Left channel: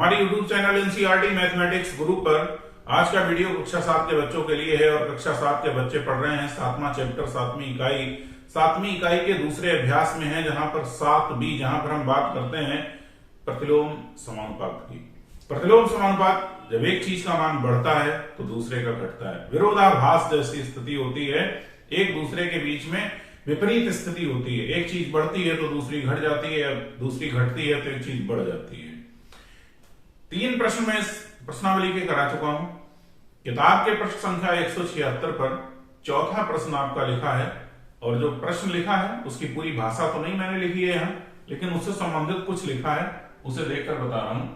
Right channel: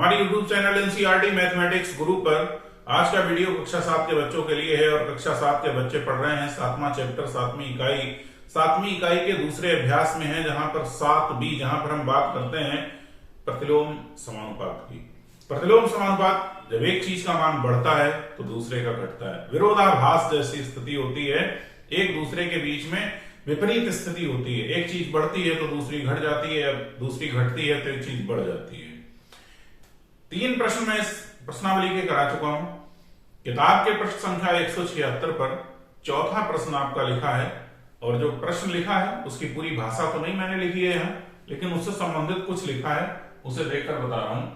हमारे YouTube channel NCERT mathematics गुरु पर आज का वीडियो कक्षा 7 के बच्चों के लिए है और कक्षा 7 के बच्चे पढ़ रहे हैं 7वां चैप्टर 7वीं इकाई के दूसरे अभ्यास में है, जहां पर 7b, जहां पर हम बात करते हैं प्रतिलोम समानुपात की। प्रतिलोम समानुपात, जब एक चीज का मान बढ़ता है तो दूसरे का घटता है। विरोधाभास जैसी स्थिति होती है, एक दूसरे के बीच में विपरीत स्थिति होती है। एक चीज बढ़ती है तो दूसरी घट जाती है, दूसरी घटती है तो एक चीज बढ़ जाती है। 3 प्रश्न मैं इस प्रश्नावली के करा चुका हूं। किताब के प्रश्न संख्या 176 पर चौथा प्रश्न आपका लिखा है, और जो प्रश्न लिखा है उसकी पूरी भाषा तो नहीं मैंने लिखी है यहां, लेकिन उससे संबंधित कुछ लिखा है, उसे देखकर बता रहा हूं।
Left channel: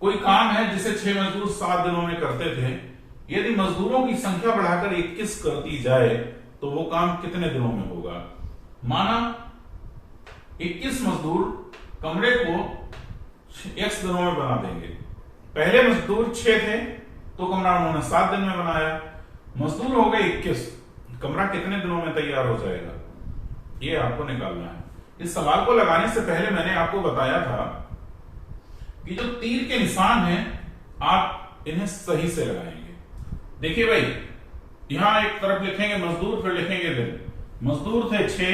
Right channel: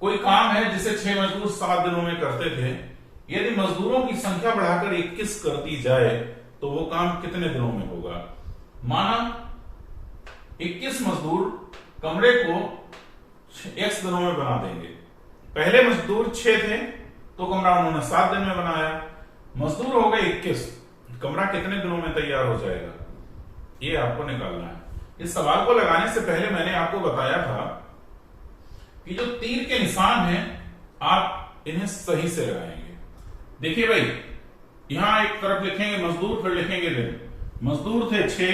कोई काम है जिसे 6 मजदूर 7 दिनों में करते थे। यदि मजदूरों की संख्या बढ़ाकर 21 कर दी जाए तो वो काम कितने दिनों में होगा। माना 21 मजदूर कमरे को x दिनों में बना देंगे। पहले मजदूर 6 थे तो कमरा उन्होंने 7 दिन में बनाया। मजदूर हो गए 21, कमरा कितने दिनों में तैयार हो जाएगा, ये आपको निकालना है। इस सवाल को लगाने से पहले मैंने आपको बताया था कि जो तीर के निशान हैं आप इन्हें सही से लगाएंगे। देखिए भाई, यहां एक तरफ लिखेंगे मजदूर, फिर लिखेंगे दिन। मजदूर थे 6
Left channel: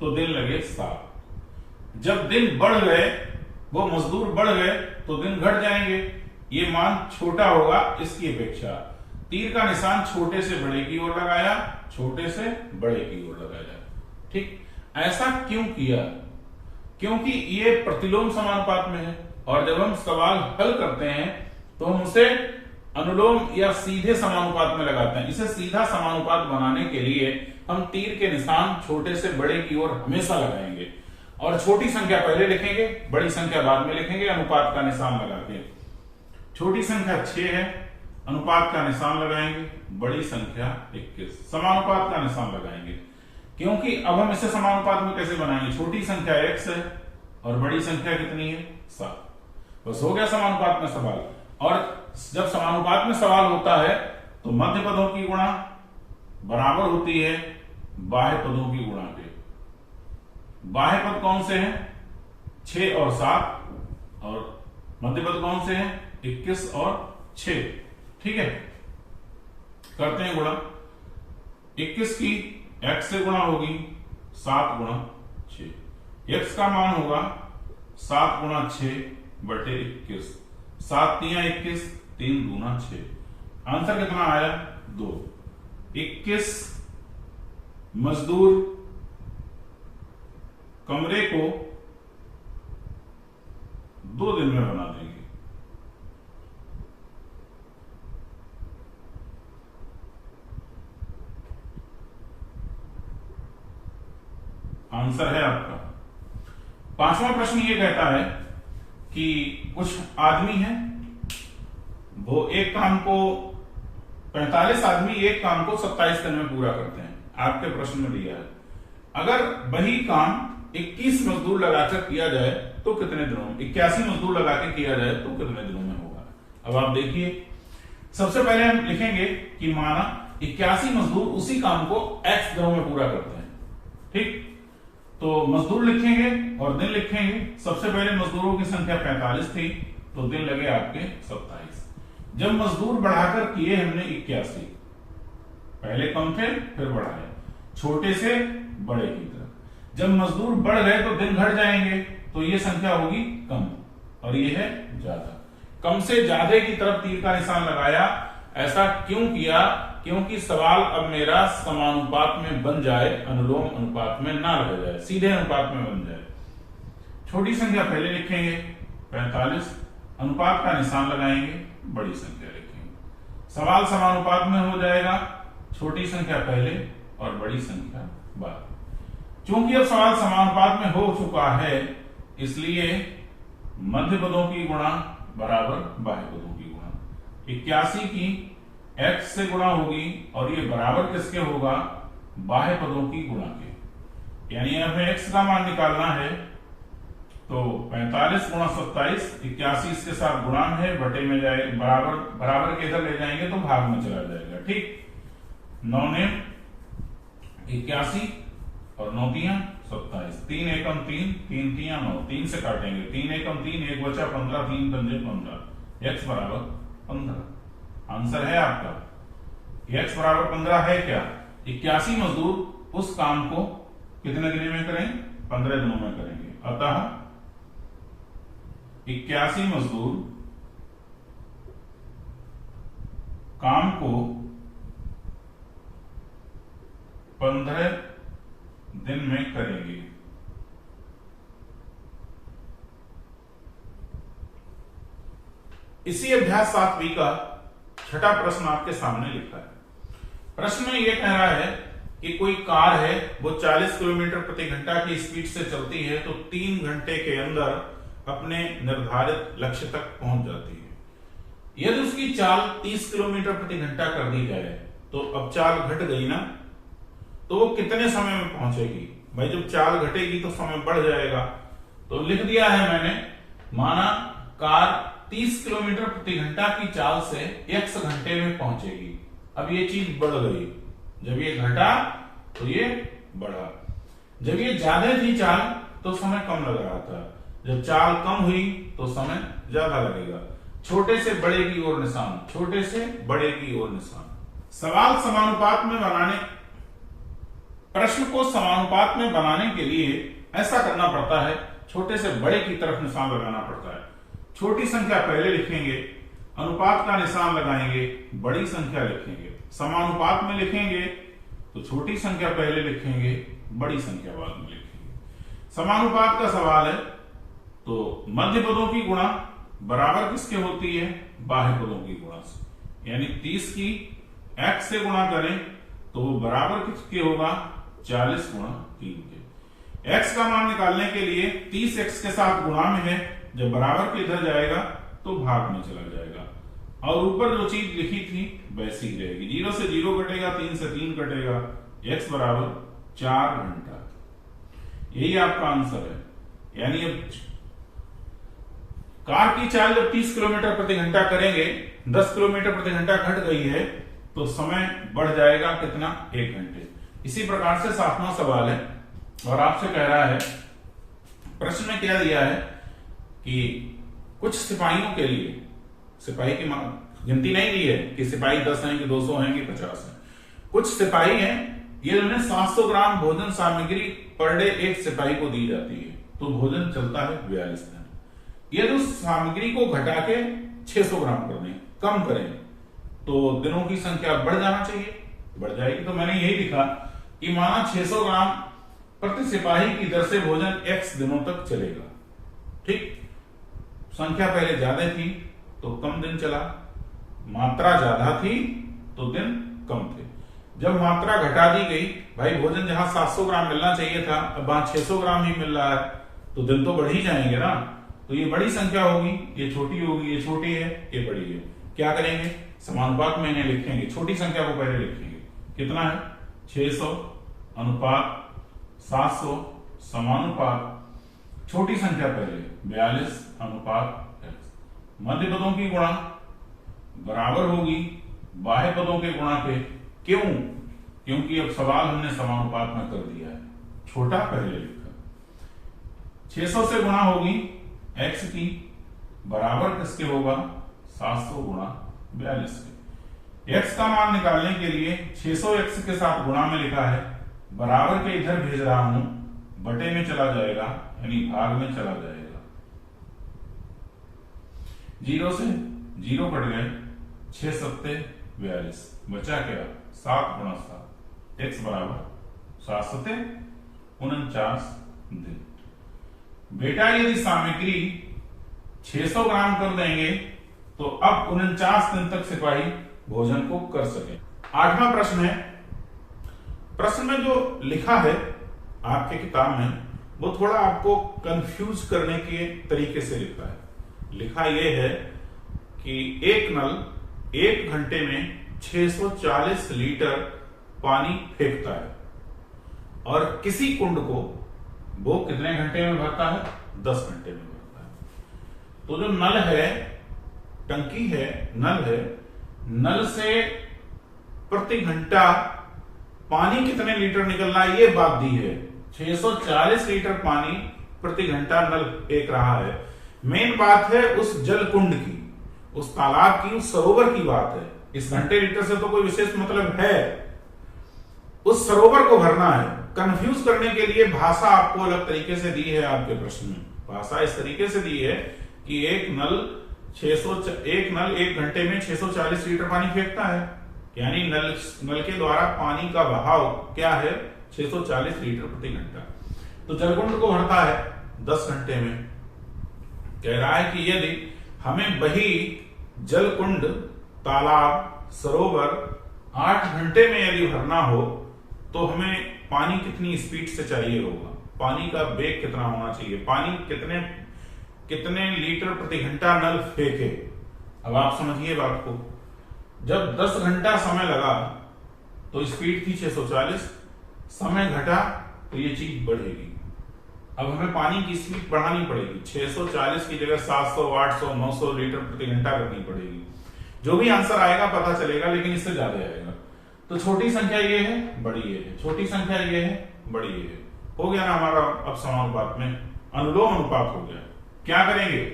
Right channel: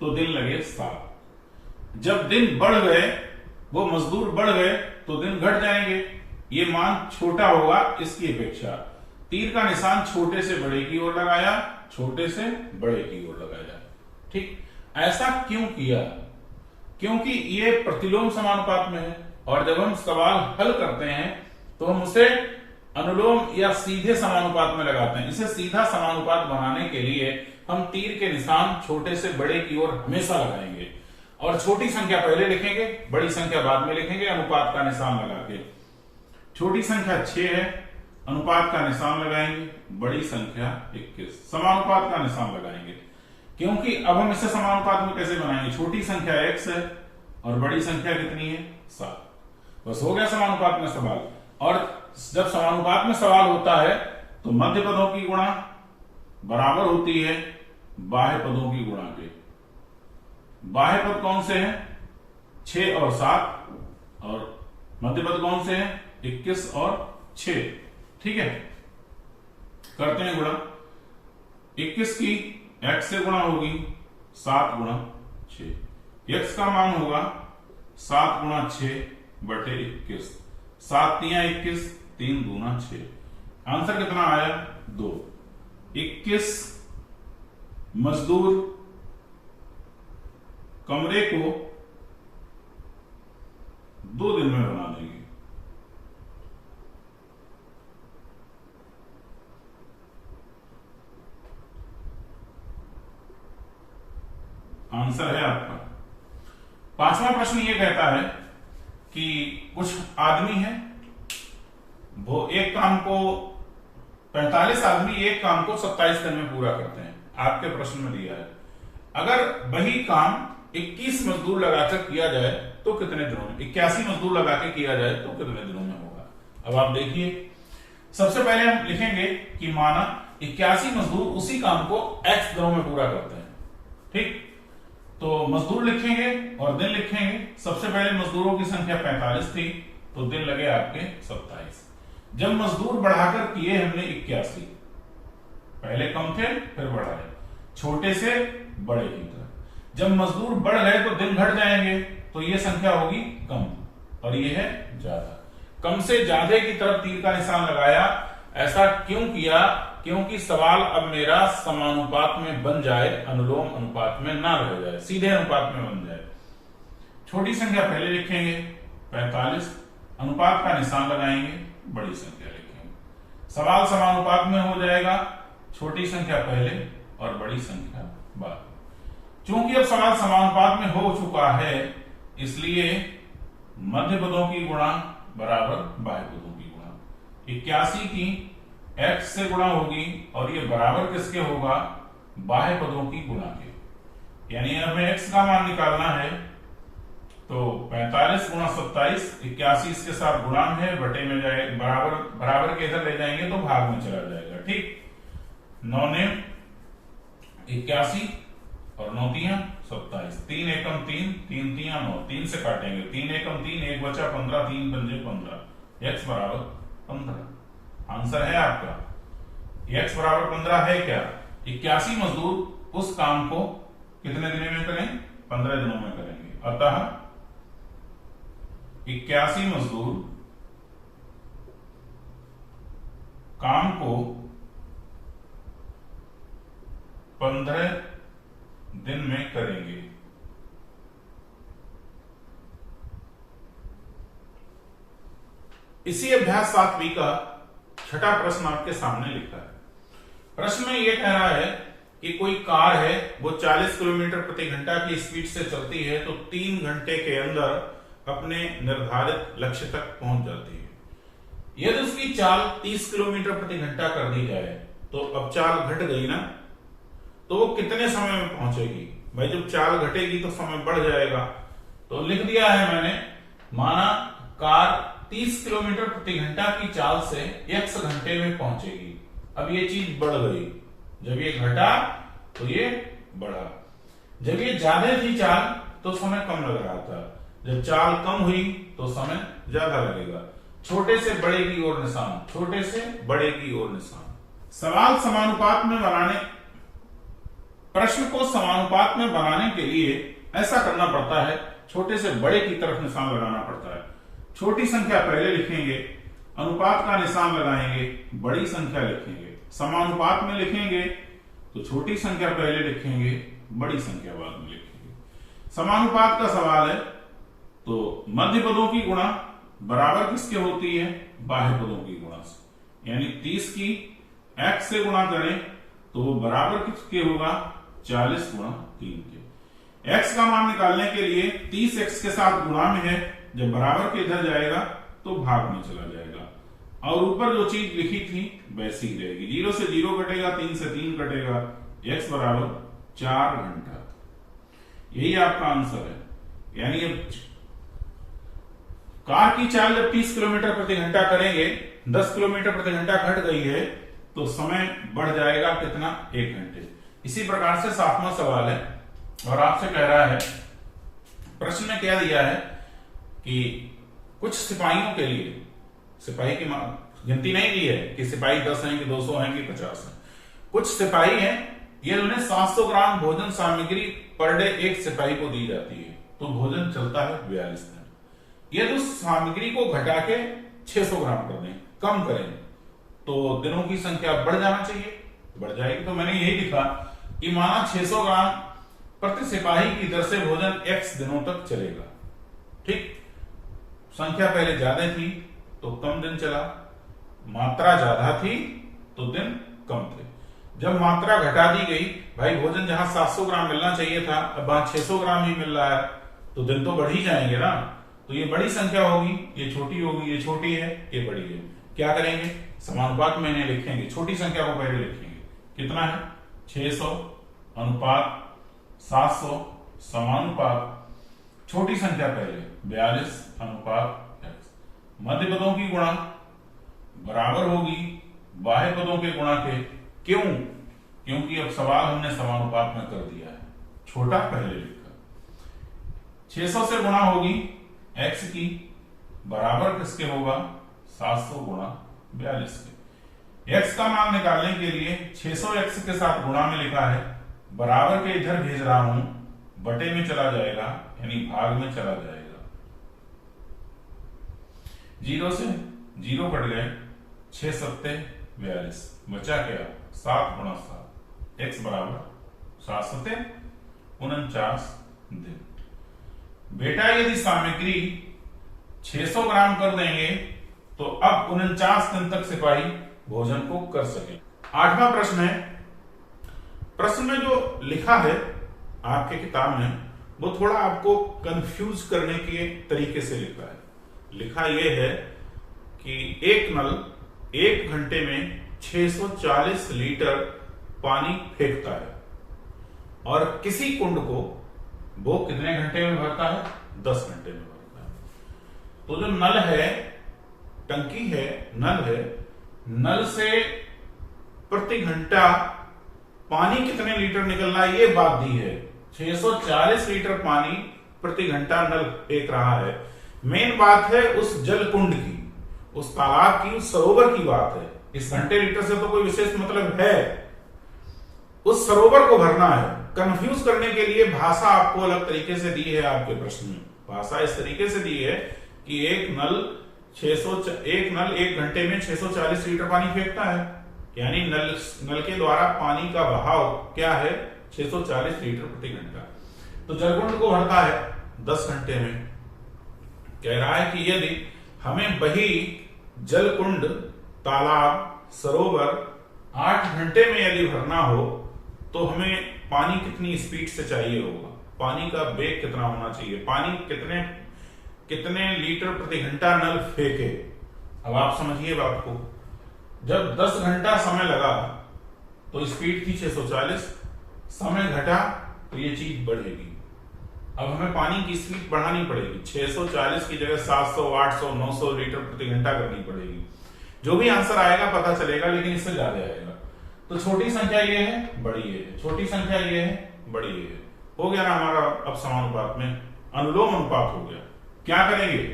तो दिन लगे 7। जब दिन बढ़ गए, वो मजदूर बढ़ गए तो दिन घट जाएंगे। ये मान छोटा होगा इसकी अपेक्षा। तीर का निशान छोटे से बड़े की ओर लगाया, छोटे से बड़े की ओर लगाया। ठीक, ऐसा क्यों किया? क्योंकि ये प्रतिलोम समानुपात में है, और जब हम सवाल हल करते हैं तो हम उसे अनुलोम या सीधे समानुपात में लगाते हैं। इसे सीधा समानुपात बनाने के लिए हम तीर के निशान छोटे से बड़े की ओर हमेशा लगाएंगे, और छोटी संख्या पहले लिखेंगे, बड़ी संख्या बाद में लिखेंगे अनुपात का निशान लगा के। छोटी संख्या 6 है, अनुपात का निशान लगाएंगे, बड़ी संख्या 21, समानुपात का निशान लगाएंगे। क्योंकि अब हम इसे समानुपात में कैसे बनाएंगे? छोटी संख्या x है और बड़ी संख्या कितनी है? 7। बस हो गया समानुपात में सवाल। और जब समानुपात में सवाल होता है तो मध्य पदों की गुणा बराबर होती है बाह्य पदों की गुणा के। बाह्य पद कौन से हैं? 6 और 7, और मध्य पद कौन से हैं? 21 और 6। ठीक है, करते हैं गुणा। 21 की x से गुणा होगी 7 गुणा 6। x का मान होगा 7 गुणा 6 बटे 21। 7 तियां 21, 3 दूना 6। आंसर कितना आया? 2। 21 मजदूर कमरे को 2 दिन में बना देंगे। आंसर है आपका। 5वां प्रश्न ये कहता है कि कुछ आदमी हैं, वो एक काम को 45 आदमी एक काम को 27 दिन में पूरा करते हैं। आपके प्रश्न में दिया है अगर वही काम 21 मजदूर लगाकर किया जाए तो कितने दिनों में, 81 मजदूर लगा के किया जाए तो कितने दिनों में होगा। अब आप देखिए, सबसे पहले हम लिखेंगे कि माना 81 मजदूर उसी काम को x दिनों में पूरा करते हैं। ठीक, तो मजदूर लिखेंगे और दिन लिखेंगे। सबसे पहले मजदूरों की संख्या 45 थी तो दिन लगे आपके 27। जब मजदूर बढ़ाकर किए हमने 81, पहले कम थे फिर बढ़ाए, छोटे से बड़े की तरफ। जब मजदूर बढ़ गए तो दिन घट जाएंगे, तो ये संख्या होगी कम और ये है ज्यादा। कम से ज्यादा की तरफ तीर का निशान लगाया। ऐसा क्यों किया? क्योंकि सवाल अब मेरा समानुपात में बन जाए, अनुलोम अनुपात में ना रह जाए, सीधे अनुपात में बन जाए। छोटी संख्या पहले लिखेंगे 45, अनुपात का निशान लगाएंगे, बड़ी संख्या लिखेंगे। सवाल समानुपात में हो जाएगा, छोटी संख्या पहले और बड़ी संख्या बाद। चूंकि अब सवाल समानुपात में हो चुका है, इसलिए मध्य पदों की गुणा बराबर बाह्य पदों की गुणा। 81 की x से गुणा होगी और ये बराबर किसके होगा? बाह्य पदों की गुणा के। यानी हमें x का मान निकालना है, तो 45 गुणा 27, 81 इसके साथ गुणांक है, बटे में जाए, बराबर के इधर ले जाएंगे तो भाग में चला जाएगा। ठीक, 9 ने 81 और 9 तियां 27, 3 एकम 3, 3 तिया 9, 3 से काटेंगे, 3 एकम 3, 1 बचा 15, 3 पंजे 15, x बराबर 15। आंसर है आपका x बराबर 15 है क्या? 81 मजदूर उस काम को कितने दिनों में करें? 15 दिनों में करेंगे। अतः 81 मजदूर काम को 15 दिन में करेंगे। इसी अभ्यास 7B का छठा प्रश्न आपके सामने लिखा है। प्रश्न में यह कह रहा है कि कोई कार है, वो 40 किलोमीटर प्रति घंटा की स्पीड से चलती है तो 3 घंटे के अंदर अपने निर्धारित लक्ष्य तक पहुंच जाती है। यदि उसकी चाल 30 किलोमीटर प्रति घंटा कर दी जाए तो अब चाल घट गई ना, तो वो कितने समय में पहुंचेगी? भाई जब चाल घटेगी तो समय बढ़ जाएगा। तो लिख दिया है मैंने, माना कार 30 किलोमीटर प्रति घंटा की चाल से x घंटे में पहुंचेगी। अब ये चीज बढ़ गई, जब ये घटा तो ये बढ़ा। जब ये ज्यादा थी चाल तो समय कम लग रहा था, जब चाल कम हुई तो समय ज्यादा लगेगा। छोटे से बड़े की ओर निशान, छोटे से बड़े की ओर निशान। सवाल समानुपात में बनाने, प्रश्न को समानुपात में बनाने के लिए ऐसा करना पड़ता है, छोटे से बड़े की तरफ निशान लगाना पड़ता है। छोटी संख्या पहले लिखेंगे, अनुपात का निशान लगाएंगे, बड़ी संख्या लिखेंगे। समानुपात में लिखेंगे तो छोटी संख्या पहले लिखेंगे, बड़ी संख्या बाद में लिखेंगे। समानुपात का सवाल है तो मध्य पदों की गुणा बराबर किसके होती है? बाह्य पदों की गुणा से। यानी 30 की x से गुणा करें तो वो बराबर किसके होगा? 40 गुणा 3 के। x का मान निकालने के लिए 30x के साथ गुणा में है, जब बराबर के इधर जाएगा तो भाग में चला जाएगा और ऊपर जो चीज लिखी थी वैसी ही रहेगी। 0 से 0 कटेगा, 3 से 3 कटेगा, x बराबर 4 घंटा। यही आपका आंसर है। यानी कार की चाल जब 30 किलोमीटर प्रति घंटा करेंगे, 10 किलोमीटर प्रति घंटा घट गई है तो समय बढ़ जाएगा कितना? 1 घंटे। इसी प्रकार से 7वां सवाल है और आपसे कह रहा है, प्रश्न में क्या दिया है कि कुछ सिपाहियों के लिए, सिपाही की गिनती नहीं दी है कि सिपाही 10 हैं कि 200 हैं कि 50 हैं। कुछ सिपाही हैं, ये उन्हें 700 ग्राम भोजन सामग्री पर डे एक सिपाही को दी जाती है, तो भोजन चलता है 42 दिन। यदि उस सामग्री को घटा के 600 ग्राम कर दें, कम करें, तो दिनों की संख्या बढ़ जाना चाहिए, बढ़ जाएगी। तो मैंने यही लिखा कि माना 600 ग्राम प्रति सिपाही की दर से भोजन x दिनों तक चलेगा। ठीक, संख्या पहले ज्यादा थी तो कम दिन चला, मात्रा ज्यादा थी तो दिन कम थे। जब मात्रा घटा दी गई, भाई भोजन जहां 700 ग्राम मिलना चाहिए था, अब वहां 600 ग्राम ही मिल रहा है, तो दिन तो बढ़ ही जाएंगे ना। तो ये बड़ी संख्या होगी, ये छोटी होगी, ये छोटी है, ये बड़ी है। क्या करेंगे? समानुपात में इन्हें लिखेंगे, छोटी संख्या को पहले लिखेंगे। कितना है? 600 अनुपात 700 समानुपात छोटी संख्या पहले 42 अनुपात x। मध्य पदों की गुणा बराबर होगी बाह्य पदों के गुणा के। क्यों? क्योंकि अब सवाल हमने समानुपात में कर दिया है, छोटा पहले लिखा। 600 से गुणा होगी x की, बराबर किसके होगा? 700 गुणा 42 के। x का मान निकालने के लिए 600 x के साथ गुणा में लिखा है, बराबर के इधर भेज रहा हूं, बटे में चला जाएगा यानी भाग में चला जाएगा। 0 से 0 कट गए, 6 सत्ते 42, बचा क्या? 7 गुणा 7, x बराबर 7 सत्ते 49 दिन। बेटा यदि सामग्री 600 ग्राम कर देंगे तो अब 49 दिन तक सिपाही भोजन को कर सके। 8वां प्रश्न है। प्रश्न में जो लिखा है आपके किताब में, वो थोड़ा आपको कंफ्यूज करने के तरीके से लिखा है। लिखा यह है कि एक नल 1 घंटे में 640 लीटर पानी फेंकता है और किसी कुंड को वो कितने घंटे में भरता है? 10 घंटे में भरता है। तो जो नल है, टंकी है, नल है, नल से प्रति घंटा पानी कितने लीटर निकलना है ये बात दी है। 640 लीटर पानी प्रति घंटा नल फेंक रहा है। मेन बात है उस जल कुंड की, उस तालाब की, उस सरोवर की बात है। इस घंटे लीटर से तो कोई विशेष मतलब है, उस सरोवर को भरना है। कंफ्यूज करने के लिए भाषा आपको अलग तरीके से दी है। आपके प्रश्न में भाषा इस तरीके से दी है कि एक नल 1 घंटे में 640 लीटर पानी फेंकता है, यानी नल के द्वारा पानी का बहाव क्या है, 640 लीटर प्रति घंटा। तो जलकुंड को भरता है 10 घंटे में। कह रहा है कि यदि हमें वही जलकुंड, तालाब, सरोवर 8 घंटे में यदि भरना हो तो हमें पानी कितनी स्पीड से चाहिए होगा, पानी का वेग कितना होना चाहिए, पानी कितने लीटर प्रति घंटा नल फेंके। अब आप समझिए बात को। जब 10 घंटा समय लगा तो स्पीड थी 640, समय घटा तो ये चीज बढ़ेगी। अब हमें पानी की स्पीड बढ़ानी पड़ेगी, 640 की जगह 700, 800, 900 लीटर प्रति घंटा करनी पड़ेगी। जो भी आंसर आएगा पता चलेगा, लेकिन इससे ज्यादा आएगा। तो छोटी संख्या ये है, बड़ी ये है, छोटी संख्या ये है, बड़ी ये है। हो गया ना हमारा अब समानुपात में अनुलोम अनुपात हो गया। क्या करेंगे,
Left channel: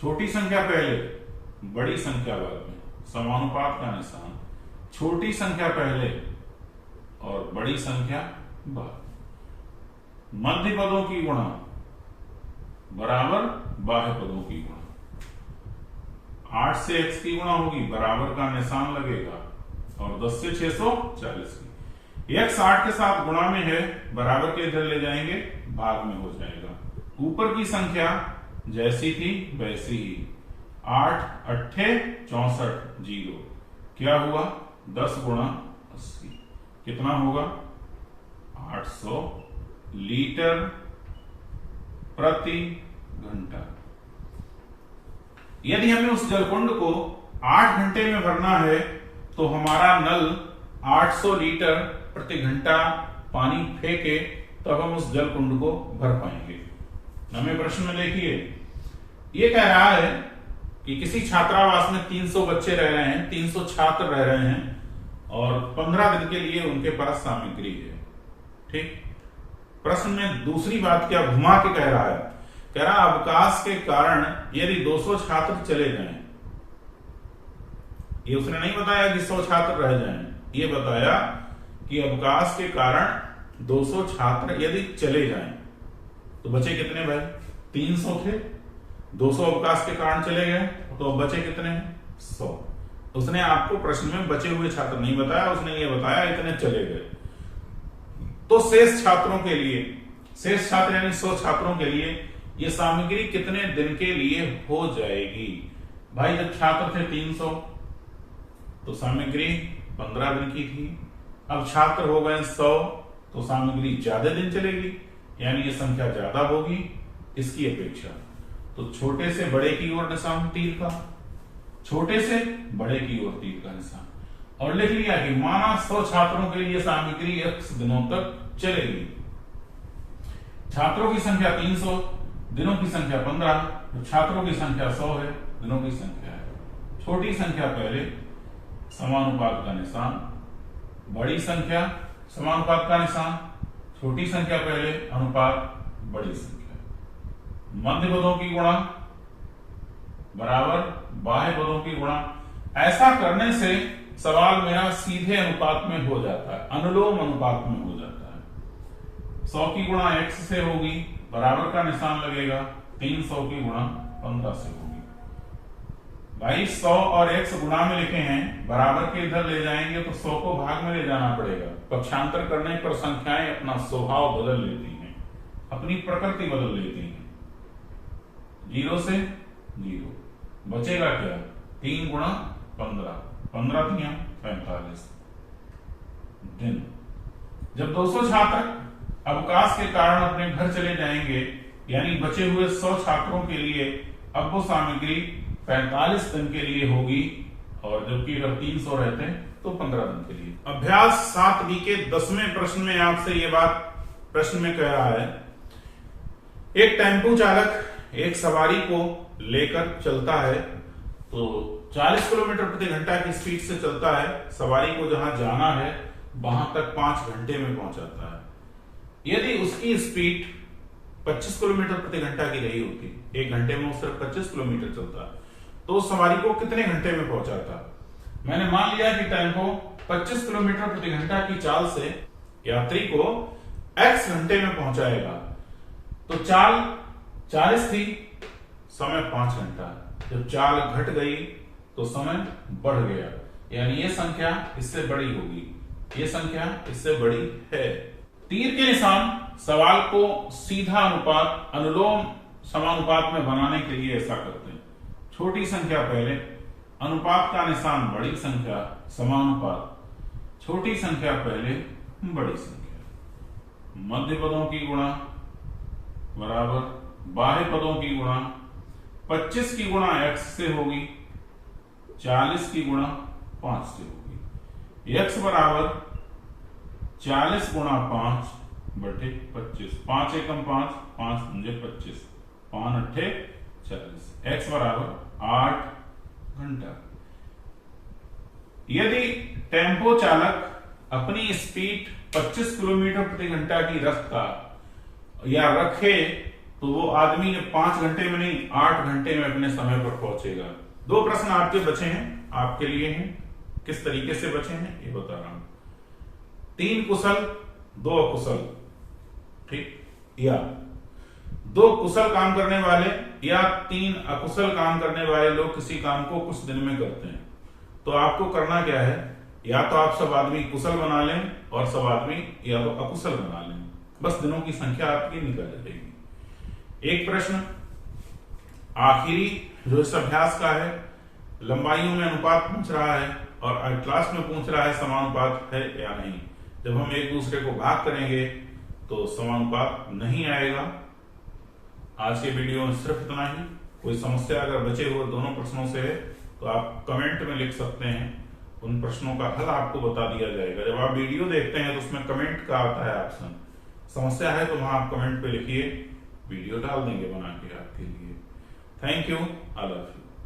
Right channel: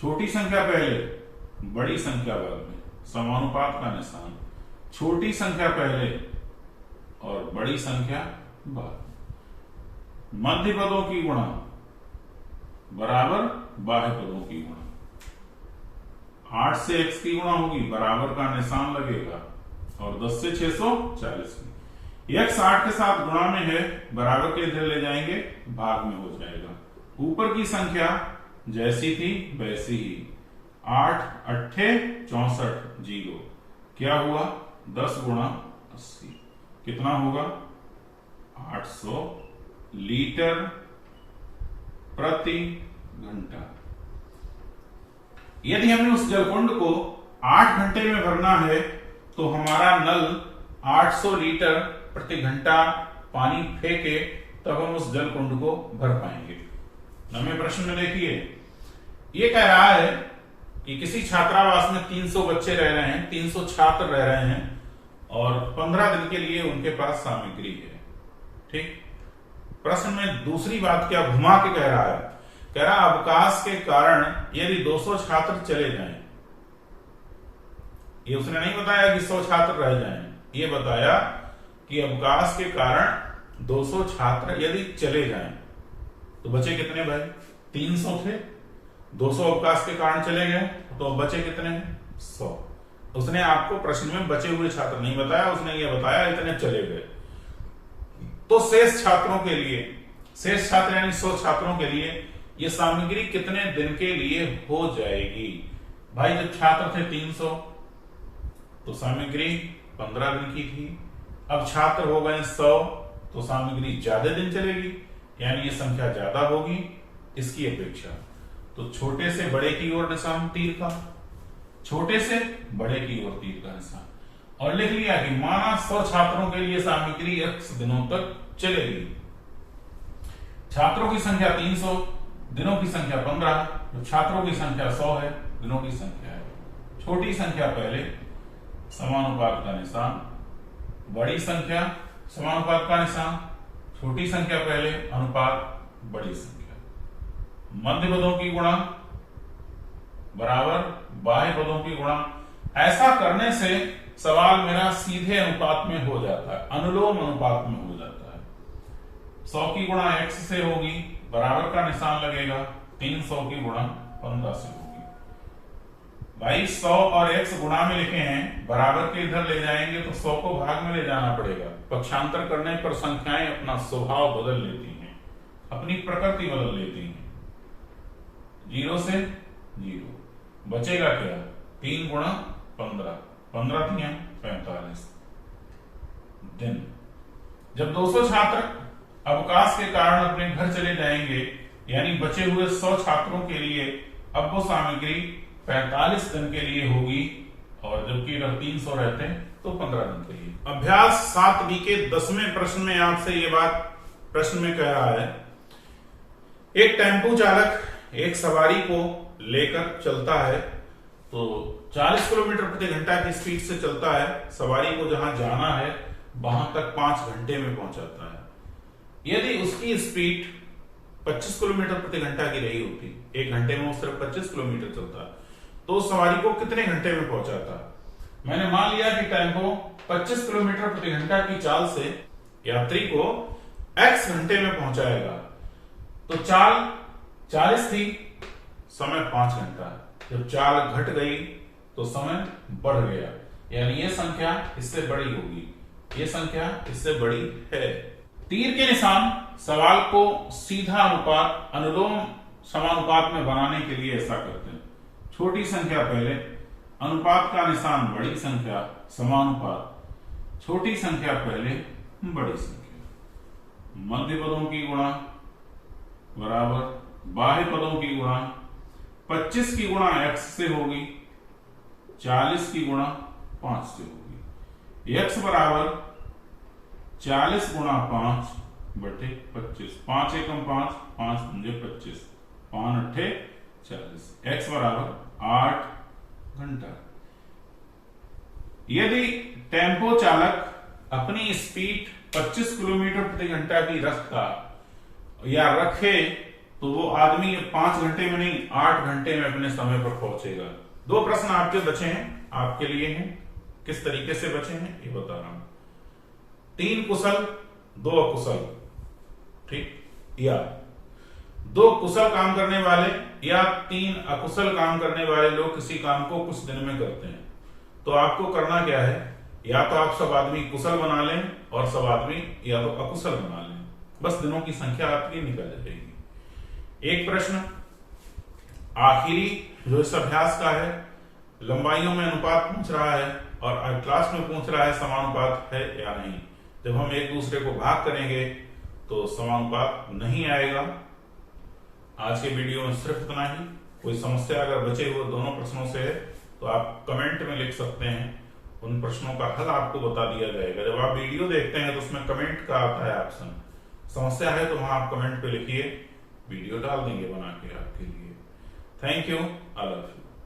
छोटी संख्या पहले, बड़ी संख्या बाद में, समानुपात का निशान, छोटी संख्या पहले और बड़ी संख्या बाद। मध्य पदों की गुणा बराबर बाह्य पदों की गुणा। 8 से x की गुणा होगी, बराबर का निशान लगेगा, और 10 से 640 की। x 8 के साथ गुणा में है, बराबर के इधर ले जाएंगे, भाग में हो जाएगा। ऊपर की संख्या जैसी थी वैसी ही, 8 8 64 0। क्या हुआ, 10 गुणा 80 कितना होगा, 800 लीटर प्रति घंटा। यदि हमें उस जलकुंड को 8 घंटे में भरना है तो हमारा नल 800 लीटर प्रति घंटा पानी फेंके तब हम उस जलकुंड को भर पाएंगे। हमें प्रश्न में देखिए, ये कह रहा है कि किसी छात्रावास में 300 बच्चे रह रहे हैं, 300 छात्र रह रहे हैं और 15 दिन के लिए उनके पास सामग्री है। ठीक, प्रश्न में दूसरी बात क्या घुमा के कह रहा है, कह रहा अवकाश के कारण यदि 200 छात्र चले जाएं, ये उसने नहीं बताया कि 100 छात्र रह जाएं, ये बताया कि अवकाश के कारण 200 छात्र यदि चले जाएं तो बचे कितने भाई, 300 थे, 200 अवकाश के कारण चले गए तो बचे कितने, 100। उसने आपको प्रश्न में बचे हुए छात्र नहीं बताया, उसने ये बताया इतने चले गए। तो शेष छात्रों के लिए, शेष छात्र यानी 100 छात्रों के लिए ये सामग्री कितने दिन के लिए हो जाएगी। भाई जब छात्र थे 300 तो सामग्री 15 दिन की थी, अब छात्र हो गए 100 तो सामग्री ज्यादा दिन चलेगी, यानी ये संख्या ज्यादा होगी इसकी अपेक्षा। तो छोटे से बड़े की ओर निशान तीर का, छोटे से बड़े की ओर तीर का निशान, और लिख लिया कि माना 100 छात्रों के लिए सामग्री x दिनों तक चलेगी। छात्रों की संख्या 300, दिनों की संख्या 15, तो छात्रों की संख्या 100 है, दिनों की संख्या है। छोटी संख्या पहले, समानुपात का निशान, बड़ी संख्या समानुपात का निशान, छोटी संख्या पहले, अनुपात बड़ी संख्या। मध्य पदों की गुणा बराबर बाह्य पदों की गुणा। ऐसा करने से सवाल मेरा सीधे अनुपात में हो जाता है, अनुलोम अनुपात में हो जाता है। 100 की गुणा x से होगी, बराबर का निशान लगेगा, 300 की गुणा 15 से होगी। भाई 100 और x गुणा में लिखे हैं, बराबर के इधर ले जाएंगे तो 100 को भाग में ले जाना पड़ेगा। पक्षांतर करने पर संख्याएं अपना स्वभाव बदल लेती हैं, अपनी प्रकृति बदल लेती हैं। 0 से 0 बचेगा क्या, 3 गुणा 15, 15 दिया 45 दिन। जब 200 छात्र अवकाश के कारण अपने घर चले जाएंगे, यानी बचे हुए 100 छात्रों के लिए अब वो सामग्री 45 दिन के लिए होगी, और जबकि अगर 300 रहते हैं तो 15 दिन के लिए। अभ्यास 7B के 10वें प्रश्न में आपसे ये बात प्रश्न में कह रहा है, एक टेम्पो चालक एक सवारी को लेकर चलता है तो 40 किलोमीटर प्रति घंटा की स्पीड से चलता है। सवारी को जहां जाना है वहां तक 5 घंटे में पहुंचाता है। यदि उसकी स्पीड 25 किलोमीटर प्रति घंटा की रही होती, 1 घंटे में वो सिर्फ 25 किलोमीटर चलता, तो सवारी को कितने घंटे में पहुंचाता। मैंने मान लिया कि टेम्पो 25 किलोमीटर प्रति घंटा की चाल से यात्री को x घंटे में पहुंचाएगा। तो चाल 40 थी, समय 5 घंटा। जब चाल घट गई तो समय बढ़ गया, यानी ये संख्या इससे बड़ी होगी, ये संख्या इससे बड़ी है। तीर के निशान सवाल को सीधा अनुपात अनुलोम समानुपात में बनाने के लिए ऐसा करते हैं। छोटी संख्या पहले, अनुपात का निशान बड़ी संख्या, समानुपात, छोटी संख्या पहले, बड़ी संख्या। मध्य पदों की गुणा बराबर बाह्य पदों की गुणा 25 की गुणा x से होगी, 40 की गुणा 5 से होगी। x बराबर 40 गुणा 5 बटे 25, 5 एकम 5, 5 पंजे 25, 5 अट्ठे 40, x बराबर 8 घंटा। यदि टेम्पो चालक अपनी स्पीड 25 किलोमीटर प्रति घंटा की रखता या रखे तो वो आदमी 5 घंटे में नहीं 8 घंटे में अपने समय पर पहुंचेगा। 2 प्रश्न आपके बचे हैं, आपके लिए हैं। किस तरीके से बचे हैं ये बता रहा हूं। 3 कुशल 2 अकुशल, ठीक, या 2 कुशल काम करने वाले या 3 अकुशल काम करने वाले लोग किसी काम को कुछ दिन में करते हैं। तो आपको करना क्या है, या तो आप सब आदमी कुशल बना लें और सब आदमी या तो अकुशल बना लें, बस दिनों की संख्या आपकी निकल जाएगी। एक प्रश्न आखिरी जो इस अभ्यास का है, लंबाइयों में अनुपात पूछ रहा है और क्लास में पूछ रहा है समानुपात है या नहीं। जब हम एक दूसरे को भाग करेंगे तो समानुपात नहीं आएगा। आज के वीडियो में सिर्फ इतना ही। कोई समस्या अगर बचे हुए दोनों प्रश्नों से है तो आप कमेंट में लिख सकते हैं, उन प्रश्नों का हल आपको बता दिया जाएगा। जब आप वीडियो देखते हैं तो उसमें कमेंट का आता है ऑप्शन, समस्या है तो वहां आप कमेंट पे लिखिए, वीडियो डाल देंगे बना के आपके लिए। Thank you, I love you.